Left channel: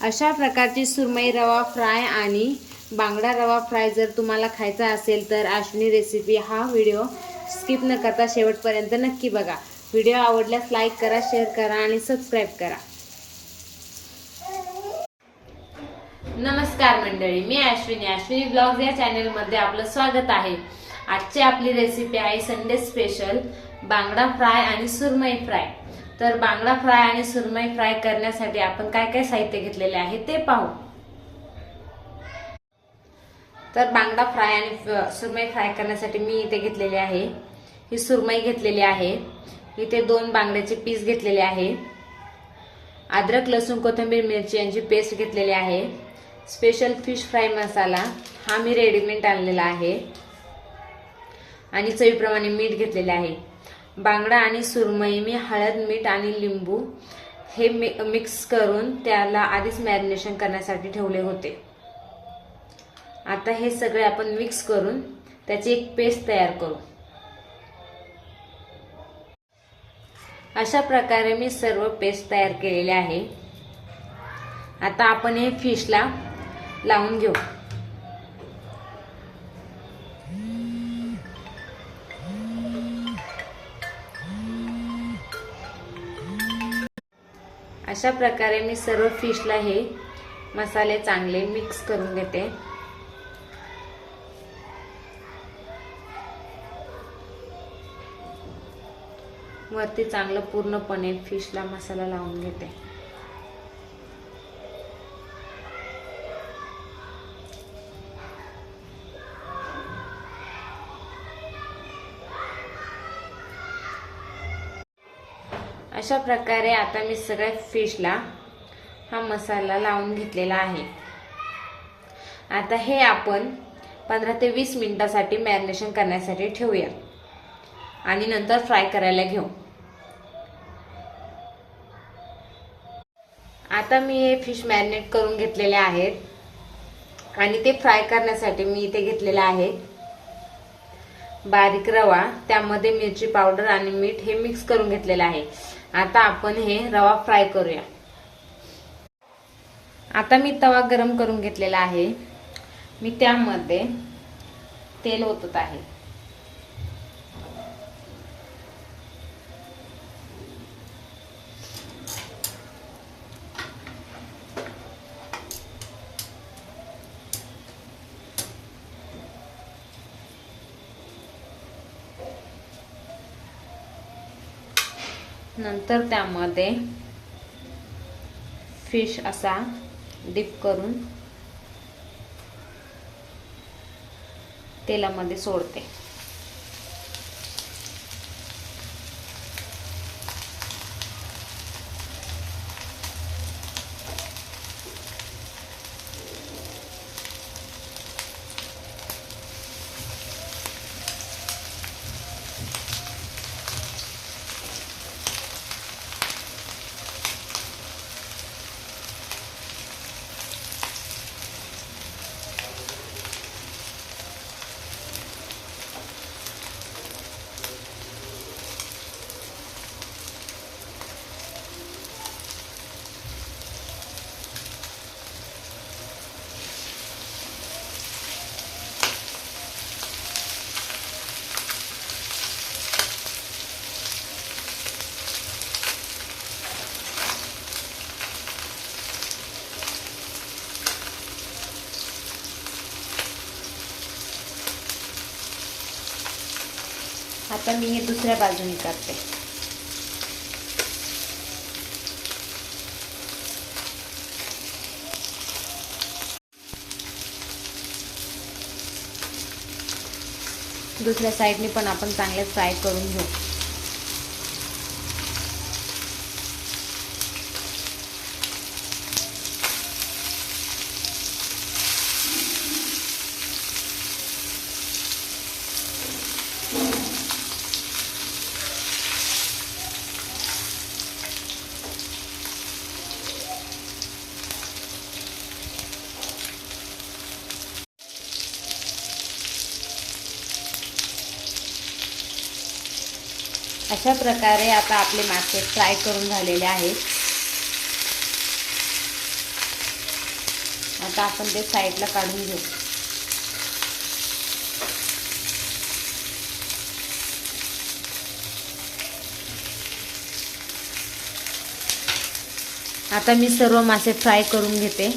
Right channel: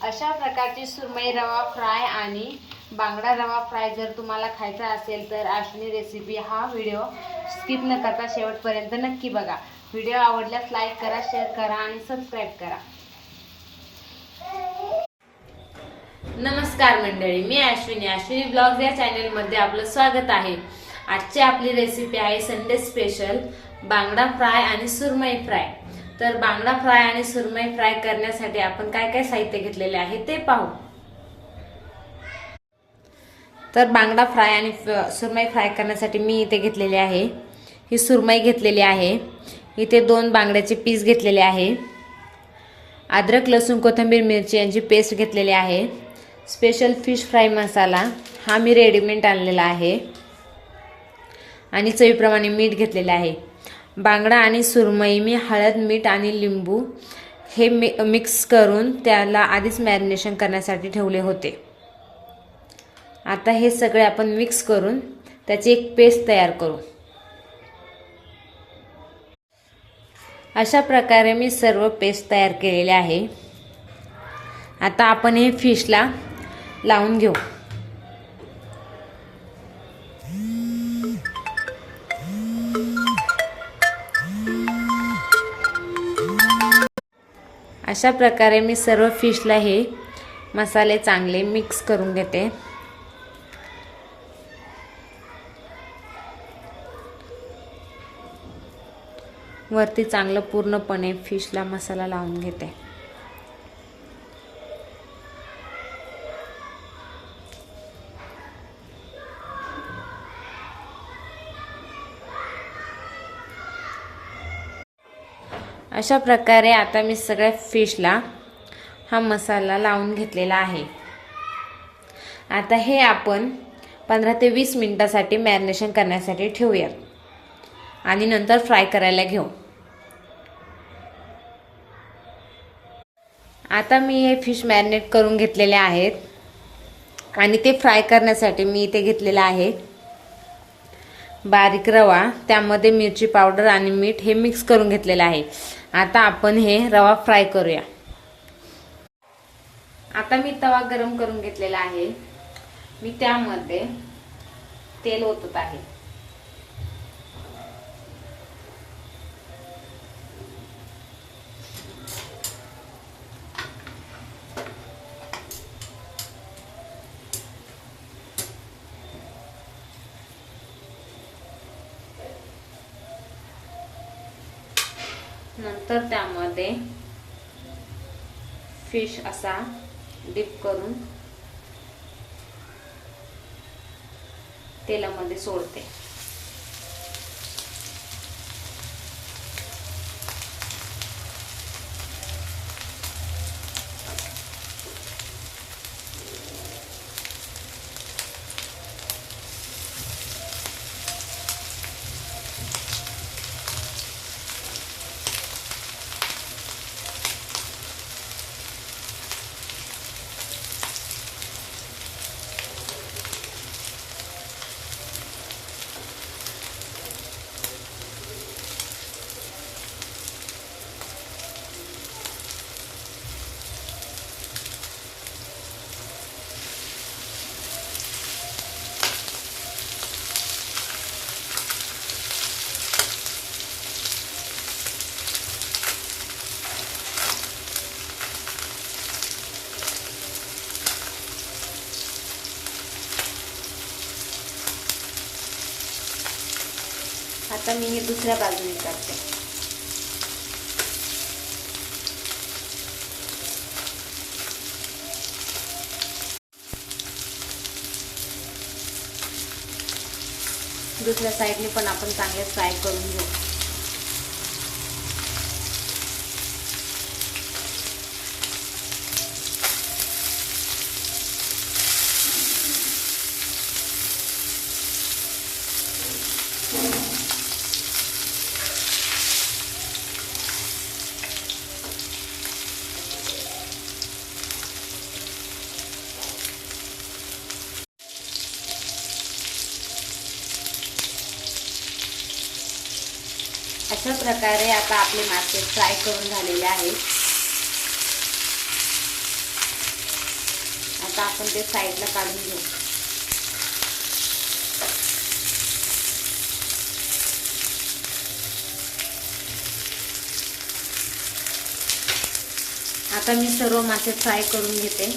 अशा प्रकारची सुरमई रवा फ्राय आणि बांगडा रवा फ्राय जर तुम्हाला खायचा असेल तर अश्विनी रेसिपी हा व्हिडिओ स्किप न करता शेवटपर्यंत नक्की बघा। व्हिडिओ आवडल्यास लाईक करा, शेअर करा आणि सबस्क्राईब करा। नमस्कार मंडळी, मी अश्विनी ब्लॉग्स या चॅनलमध्ये आपलं स्वागत आहे। आजची आपली रेसिपी आहे संडे स्पेशल बांगडा फ्राय आणि सुरमई फ्राय। तर बांगडा फ्राय आणि सुरमई फ्राय करण्यासाठी आपण काय काय साहित्य घेतलेले आहे ते पाहू। तर बांगडा फ्राय आणि सुरमई फ्राय करण्यासाठी मी इथे घेतलेले आहे, ही सुरमई घेतलेली आहे, इथे 2 बांगड्याचे पीस घेतलेले आहे, अद्रक लसूण कोथिंबीर मिरची यांची पेस्ट घेतलेली आहे, स्पेशल फिश फ्राय मसाला हा मी रेडीमेड आणलेला आहे आणि चवीप्रमाणे मीठ घेतलेले आहे। बांगडा आणि सुरमई मी हळद, मीठ आणि लिंबू हे मिक्स करून त्याला आधीच मॅरिनेशन करण्यासाठी ठेवले होते। आता हे सगळे आपण मिक्स करून त्याची एक पेस्ट तयार करू। अशा प्रकारे मी सर्व पेस्ट तयार केलेले आहे। आता आपण हे फिशला लावून घेऊ। अशा प्रकारे मी सर्व फिशला हे मसाले चांगले मिक्स करून घेते। वरती चांगलं पूर्णपणे फिशला मसाला लावून घेते। अशा प्रकारे आता मी सगळ्या फिशला हा मसाला लावून घेतलेला आहे। आता हे आपण 15 ते 20 मिनिटांसाठी मॅरिनेशन करण्यासाठी ठेवूया आणि नंतर फ्राय करायला घेऊ। आता मी हे फिश मॅरिनेट करून घेतलेले आहेत आणि ते फ्राय करण्यासाठी मी इथे घेतलेला आहे बारीक रवा, त्यामध्ये मिरची पावडर आणि मीठ हे मिक्स करून घेतलेले आहे। आता आपण हे रवा फ्राय करूया। आता मी तवा गरम करून घेतलेला आहे, मी त्यामध्ये तेल ओतत आहे। नंतर त्यामध्ये फिश असा डिप करून तेलामध्ये सोडते। आता मी हे दुसऱ्या बाजूने करते। दुसऱ्या साइडने पण आपण चांगले फ्राय करून घेऊ। अशा प्रकारे आता आपले मासे फ्राय करून झालेले आहेत। आता आपण ते साईडला काढून घेऊ. आता मी सर्व मासे फ्राय करून घेते.